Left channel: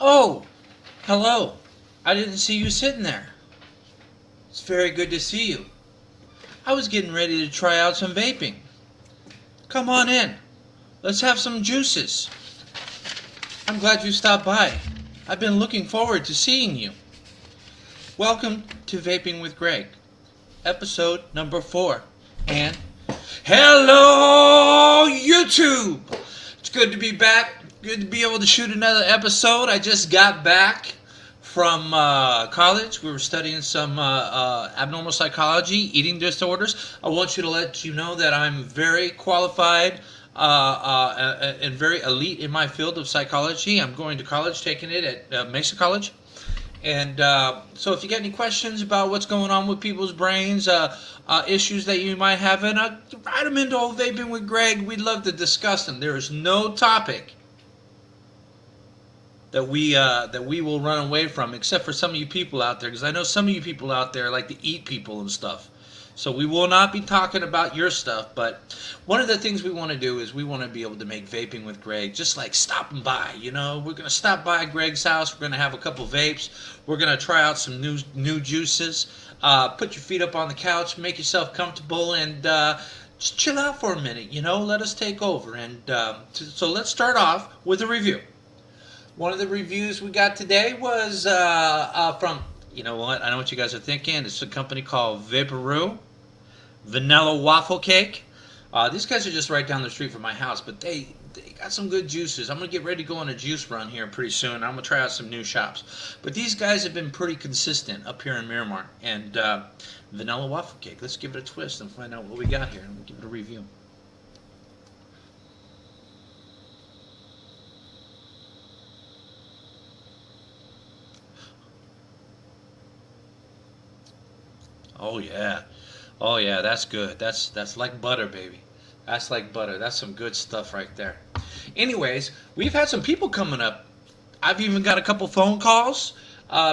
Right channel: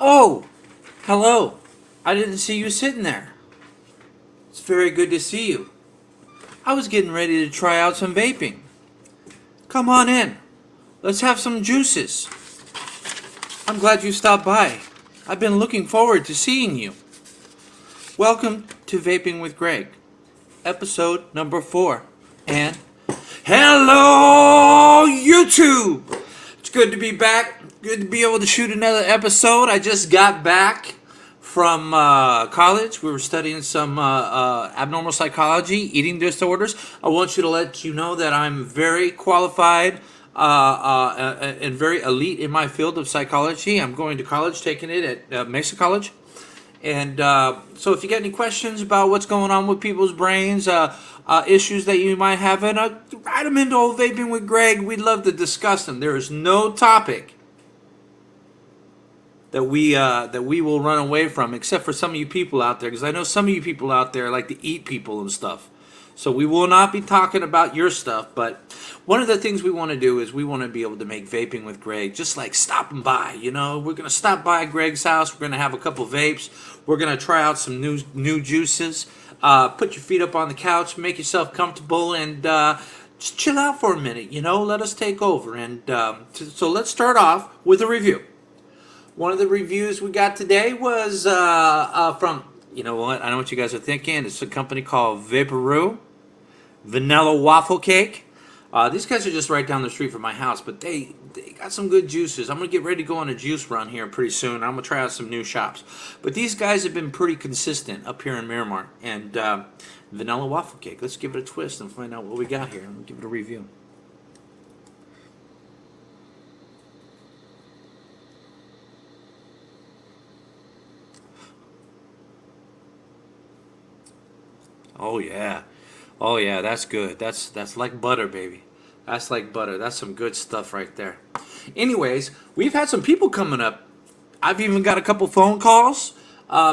Oh, hello. I didn't see you sitting there. It's very good to see you. I was getting ready to try out some vaping. Come on in. Let's have some juices. I'm glad you stopped by. I've been looking forward to seeing you. Welcome to Vaping with Greg, episode number 4. And hello, YouTube! It's good to be back. Good to be able to shoot another episode. I just got back from college. We were studying some abnormal psychology, eating disorders. I want you to let you know that I'm very qualified and very elite in my field of psychology. I'm going to college, taking it at Mesa College. And so if you get any questions about what's going on with people's brains, issues that you might have, and write them into Old Vaping with Greg. We'd love to discuss them. There is no topic that we will run away from, except for some of you people out there, because I know some of you people out there like to eat people and stuff. So we will not be talking about your stuff, but one of the things we want to do is we want to be able to make Vaping with Greg just like stopping by. You know, we're going to stop by Greg's house. We're going to have a couple vapes. We're going to try out some new juices. Put your feet up on the couch, make yourself comfortable, and just chill out for a minute. You know, let us take over. And so let's start off with a review. One of the reviews we got today was from, you know what, I know what you guys are thinking. It's a company called Vaporoo Vanilla Waffle Cake. These guys are just right down the street from my house, but they got some good juices. I'm going to get ready to go on a juice run here pretty soon. I'm going to try out some new shops. But these guys have been pretty consistent up here in Miramar. And Vanilla Waffle Cake, let's give it a twist and find out what we got here. I'll give it a review. Oh yeah. Oh yeah, that's good. That's like butter, baby. That's like butter. That's some good stuff right there. Anyways, we've had some people coming up. I've even got a couple phone calls.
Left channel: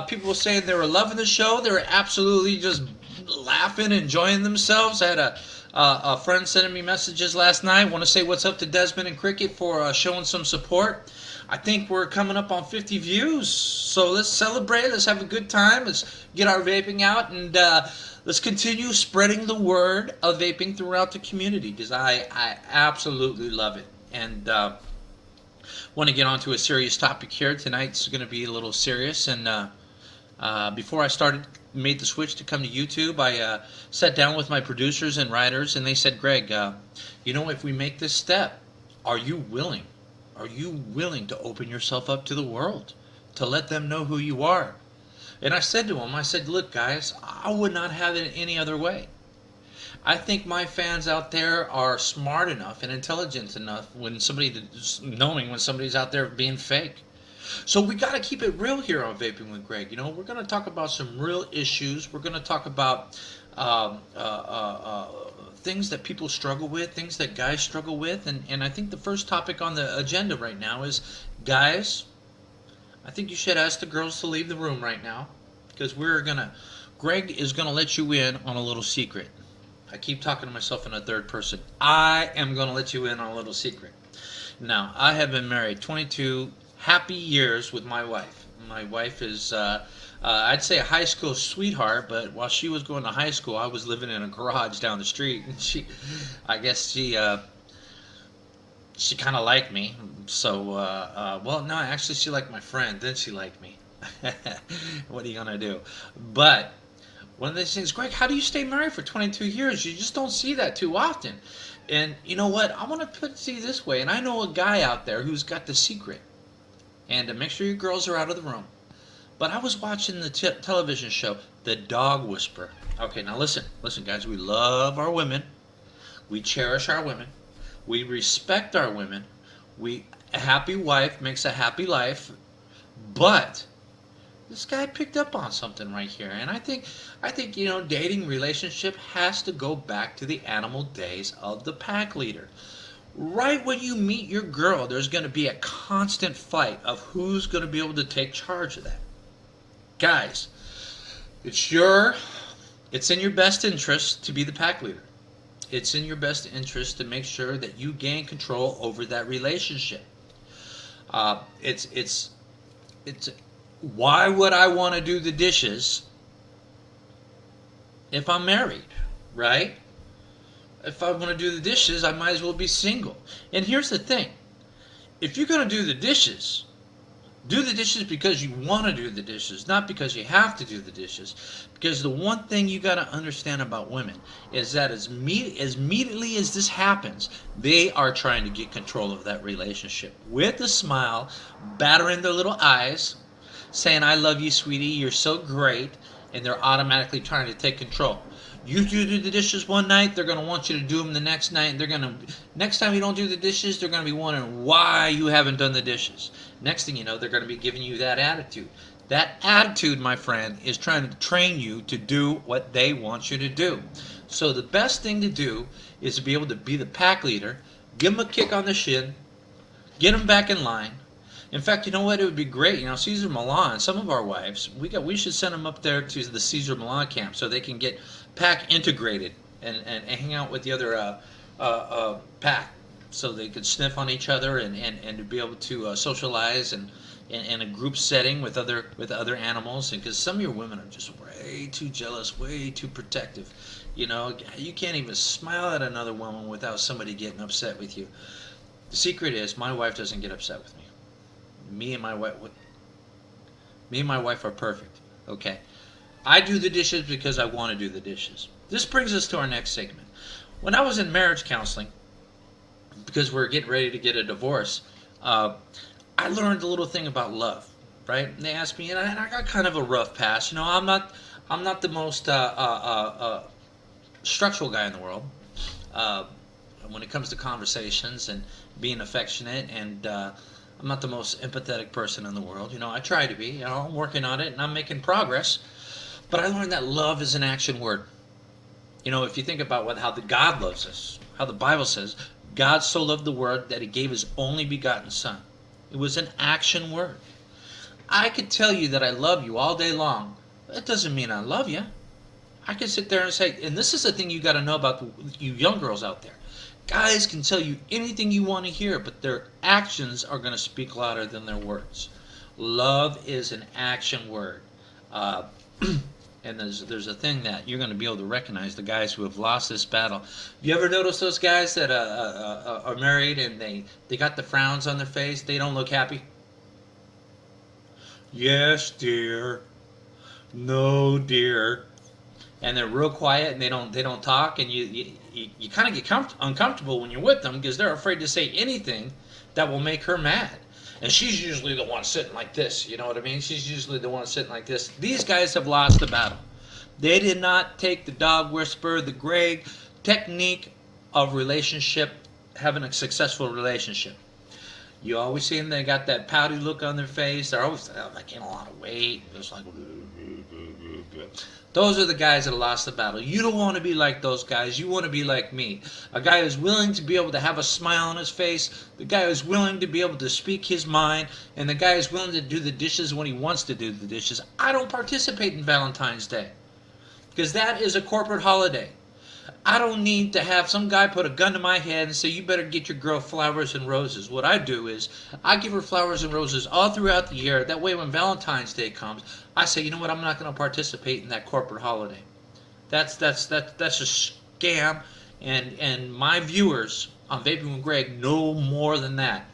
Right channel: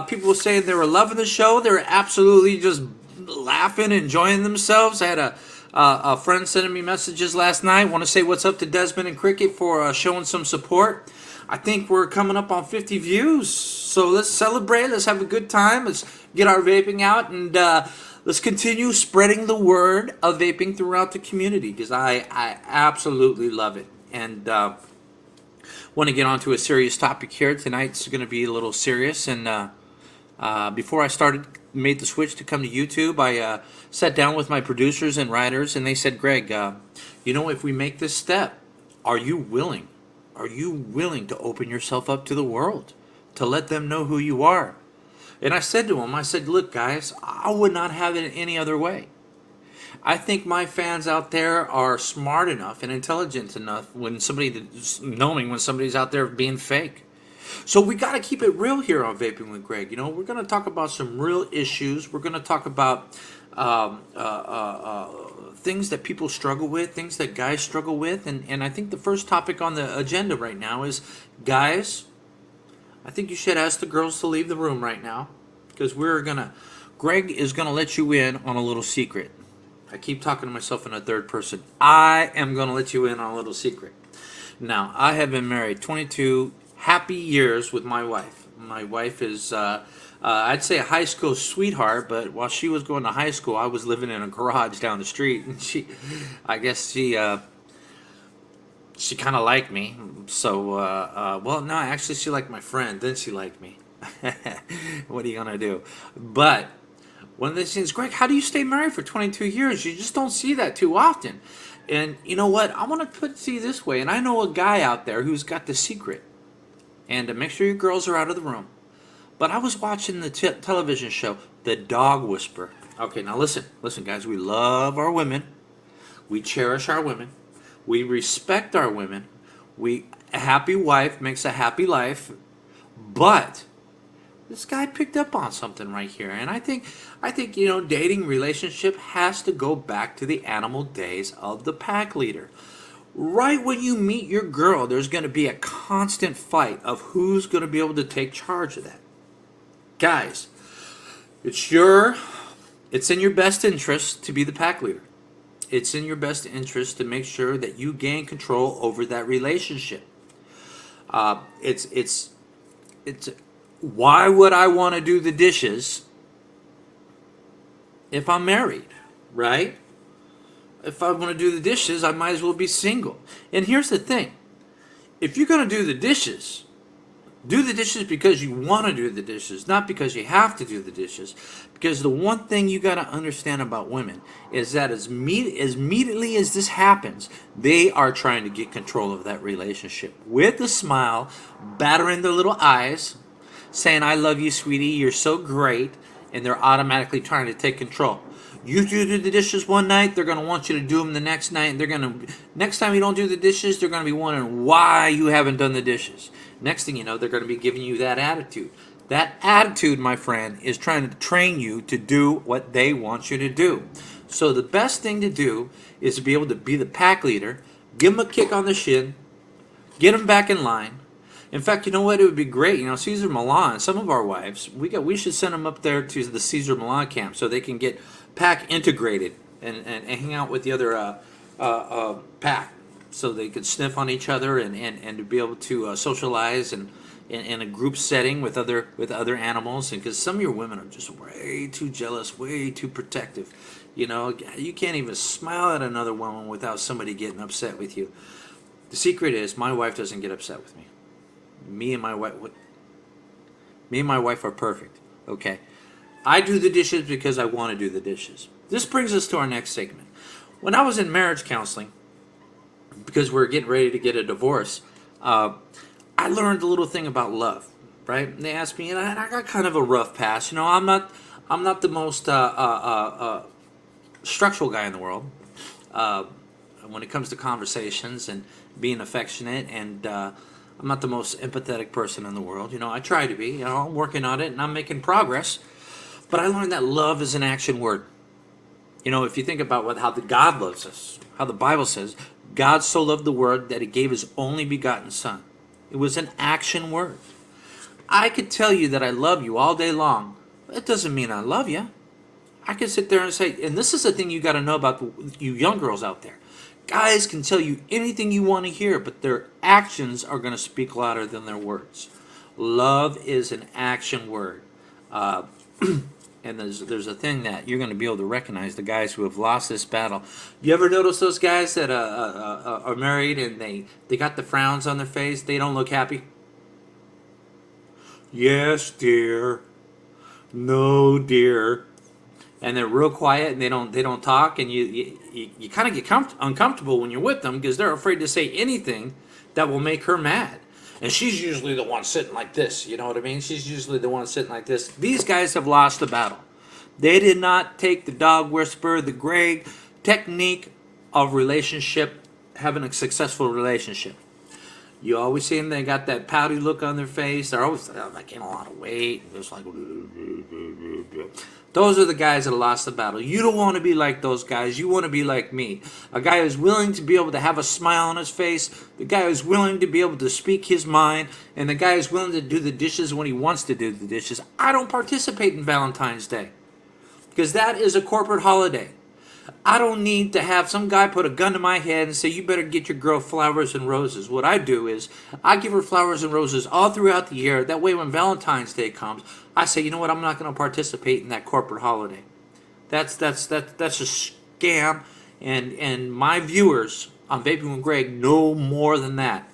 People saying they were loving the show. They were absolutely just laughing, enjoying themselves. I had a friend sending me messages last night. Want to say what's up to Desmond and Cricket for showing some support. I think we're coming up on 50 views. So let's celebrate. Let's have a good time. Let's get our vaping out and let's continue spreading the word of vaping throughout the community because I absolutely love it. And want to get onto a serious topic here. Tonight's going to be a little serious. And before I made the switch to come to YouTube, I sat down with my producers and writers, and they said, Greg, you know, if we make this step, are you willing? Are you willing to open yourself up to the world, to let them know who you are? And I said to them, I said, look, guys, I would not have it any other way. I think my fans out there are smart enough and intelligent enough knowing when somebody's out there being fake. So we got to keep it real here on Vaping with Greg. You know, we're going to talk about some real issues. We're going to talk about things that people struggle with, things that guys struggle with. And I think the first topic on the agenda right now is, guys, I think you should ask the girls to leave the room right now because Greg is going to let you in on a little secret. I keep talking to myself in a third person. I am going to let you in on a little secret. Now, I have been married 22 happy years with my wife. My wife is, I'd say a high school sweetheart, but while she was going to high school, I was living in a garage down the street, and I guess she kind of liked me. So, well, no, actually, she liked my friend. Then she liked me. What are you gonna do? But one of the things, Greg, how do you stay married for 22 years? You just don't see that too often. And you know what? I want to put it this way. And I know a guy out there who's got the secret. And make sure your girls are out of the room. But I was watching the television show, The Dog Whisperer. Okay, now listen, guys. We love our women. We cherish our women. We respect our women. A happy wife makes a happy life. But this guy picked up on something right here, and I think you know, dating relationship has to go back to the animal days of the pack leader. Right when you meet your girl, there's going to be a constant fight of who's going to be able to take charge of that. Guys, it's in your best interest to be the pack leader. It's in your best interest to make sure that you gain control over that relationship. It's it's why would I want to do the dishes if I'm married, right? If I want to do the dishes, I might as well be single. And here's the thing. If you're going to do the dishes because you want to do the dishes, not because you have to do the dishes. Because the one thing you got to understand about women is that as immediately as this happens, they are trying to get control of that relationship. With a smile, battering their little eyes, saying, I love you, sweetie, you're so great, and they're automatically trying to take control. You do the dishes one night, they're going to want you to do them the next night. Next time you don't do the dishes, they're going to be wondering why you haven't done the dishes. Next thing you know, they're going to be giving you that attitude. That attitude, my friend, is trying to train you to do what they want you to do. So the best thing to do is to be able to be the pack leader, give them a kick on the shin, get them back in line. In fact, you know what? It would be great. You know, Cesar Millan, some of our wives, we should send them up there to the Cesar Millan camp so they can get pack integrated and hang out with the other pack, so they could sniff on each other and to be able to socialize and in a group setting with other animals. And because some of your women are just way too jealous, way too protective. You know, you can't even smile at another woman without somebody getting upset with you. The secret is my wife doesn't get upset with me. Me and my wife are perfect. Okay, I do the dishes because I want to do the dishes. This brings us to our next segment. When I was in marriage counseling, because we're getting ready to get a divorce, I learned a little thing about love. Right? And they asked me, and I got kind of a rough past. You know, I'm not the most structural guy in the world. When it comes to conversations and being affectionate, and I'm not the most empathetic person in the world. You know, I try to be. You know, I'm working on it and I'm making progress. But I learned that love is an action word. You know, if you think about how God loves us, how the Bible says, God so loved the world that he gave his only begotten son. It was an action word. I could tell you that I love you all day long. It doesn't mean I love you. I could sit there and say, and this is the thing you got to know about you young girls out there. Guys can tell you anything you want to hear, but their actions are going to speak louder than their words. Love is an action word. And there's a thing that you're going to be able to recognize, the guys who have lost this battle. You ever notice those guys that are married and they got the frowns on their face? They don't look happy. Yes, dear. No, dear. And they're real quiet and they don't talk, and you kind of get uncomfortable when you're with them because they're afraid to say anything that will make her mad. And she's usually the one sitting like this, you know what I mean? She's usually the one sitting like this. These guys have lost the battle. They did not take the dog whisperer, the Greg technique of relationship, having a successful relationship. You always see them, they got that pouty look on their face. They're always like in a lot of weight. Just like, those are the guys that lost the battle. You don't want to be like those guys. You want to be like me. A guy who's willing to be able to have a smile on his face. The guy who's willing to be able to speak his mind. And the guy who's willing to do the dishes when he wants to do the dishes. I don't participate in Valentine's Day, because that is a corporate holiday. I don't need to have some guy put a gun to my head and say, you better get your girl flowers and roses. What I do is I give her flowers and roses all throughout the year. That way when Valentine's Day comes, I say, you know what, I'm not going to participate in that corporate holiday. That's a scam, and my viewers on Vaping with Greg know more than that.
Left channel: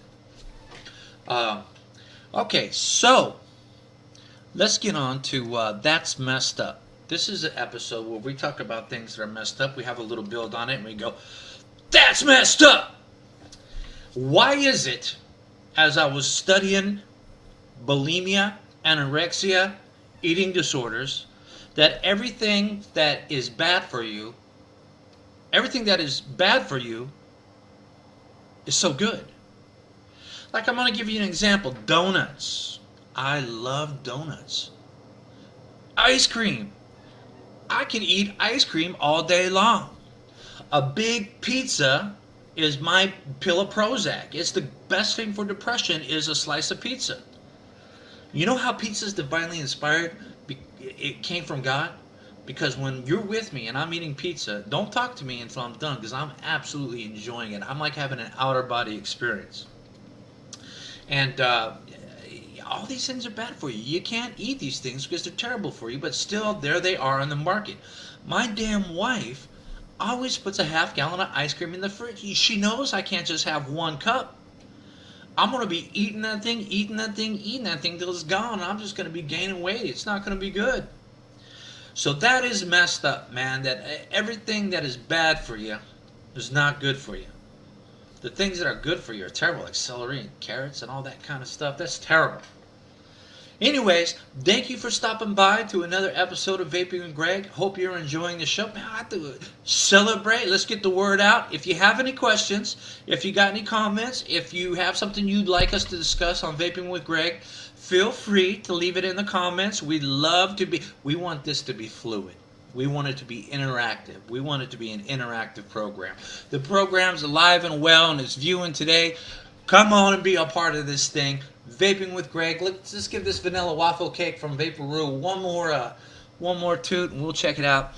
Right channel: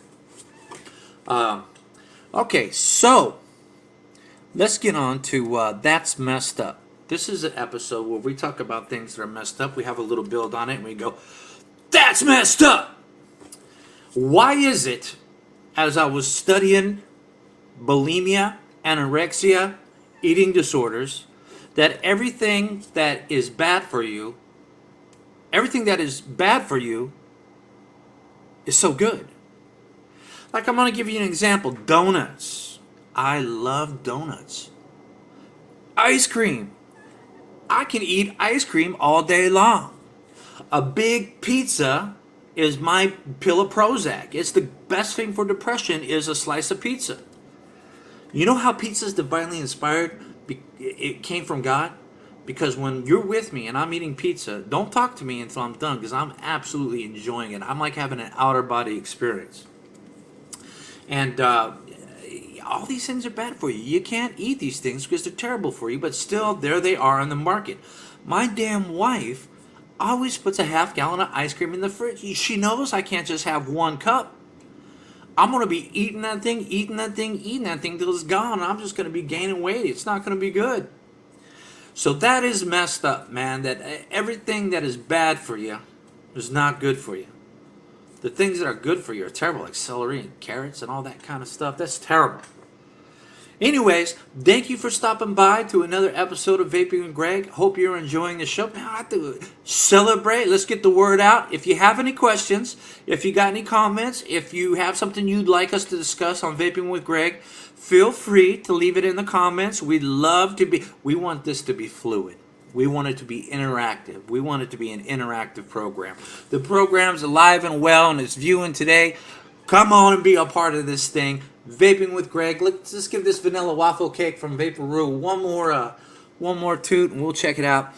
Okay, so let's get on to That's Messed Up. This is an episode where we talk about things that are messed up. We have a little build on it, and we go, that's messed up! Why is it, as I was studying bulimia, anorexia, eating disorders, that everything that is bad for you is so good? Like, I'm going to give you an example. Donuts. I love donuts. Ice cream. I can eat ice cream all day long. A big pizza is my pill of Prozac. It's the best thing for depression is a slice of pizza. You know how pizza is divinely inspired? It came from God. Because when you're with me and I'm eating pizza, don't talk to me until I'm done, because I'm absolutely enjoying it. I'm like having an outer body experience. And all these things are bad for you. You can't eat these things because they're terrible for you, but still, there they are on the market. My damn wife always puts a half gallon of ice cream in the fridge. She knows I can't just have one cup. I'm going to be eating that thing, eating that thing, eating that thing till it's gone. I'm just going to be gaining weight. It's not going to be good. So that is messed up, man, that everything that is bad for you is not good for you. The things that are good for you are terrible, like celery and carrots and all that kind of stuff. That's terrible. Anyways, thank you for stopping by to another episode of Vaping with Greg. Hope you're enjoying the show. Now, I have to celebrate. Let's get the word out. If you have any questions, if you got any comments, if you have something you'd like us to discuss on Vaping with Greg, feel free to leave it in the comments. We want this to be fluid. We want it to be interactive. We want it to be an interactive program. The program's alive and well and it's viewing today. Come on and be a part of this thing. Vaping with Greg. Let's just give this vanilla waffle cake from Vaporoo one more toot and we'll check it out.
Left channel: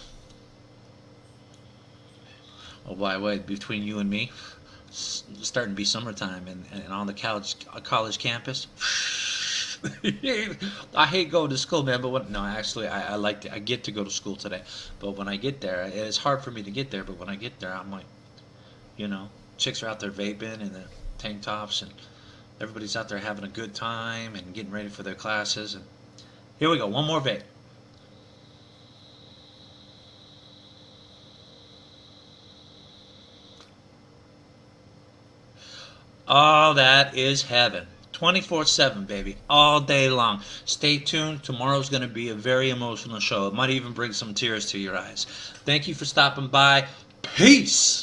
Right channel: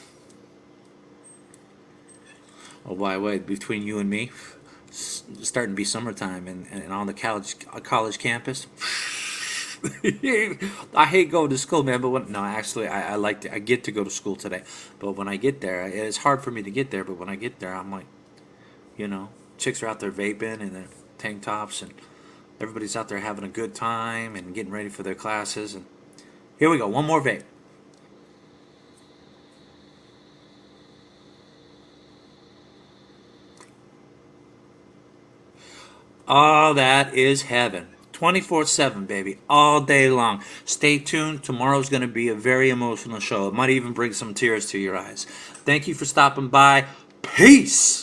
Oh, by the way, between you and me, it's starting to be summertime and on the college campus. I hate going to school, man. But I like I get to go to school today. But when I get there, it's hard for me to get there. But when I get there, I'm like, chicks are out there vaping in their tank tops, and everybody's out there having a good time and getting ready for their classes. And here we go, one more vape. Oh, that is heaven. 24/7, baby, all day long. Stay tuned. Tomorrow's going to be a very emotional show. It might even bring some tears to your eyes. Thank you for stopping by. Peace.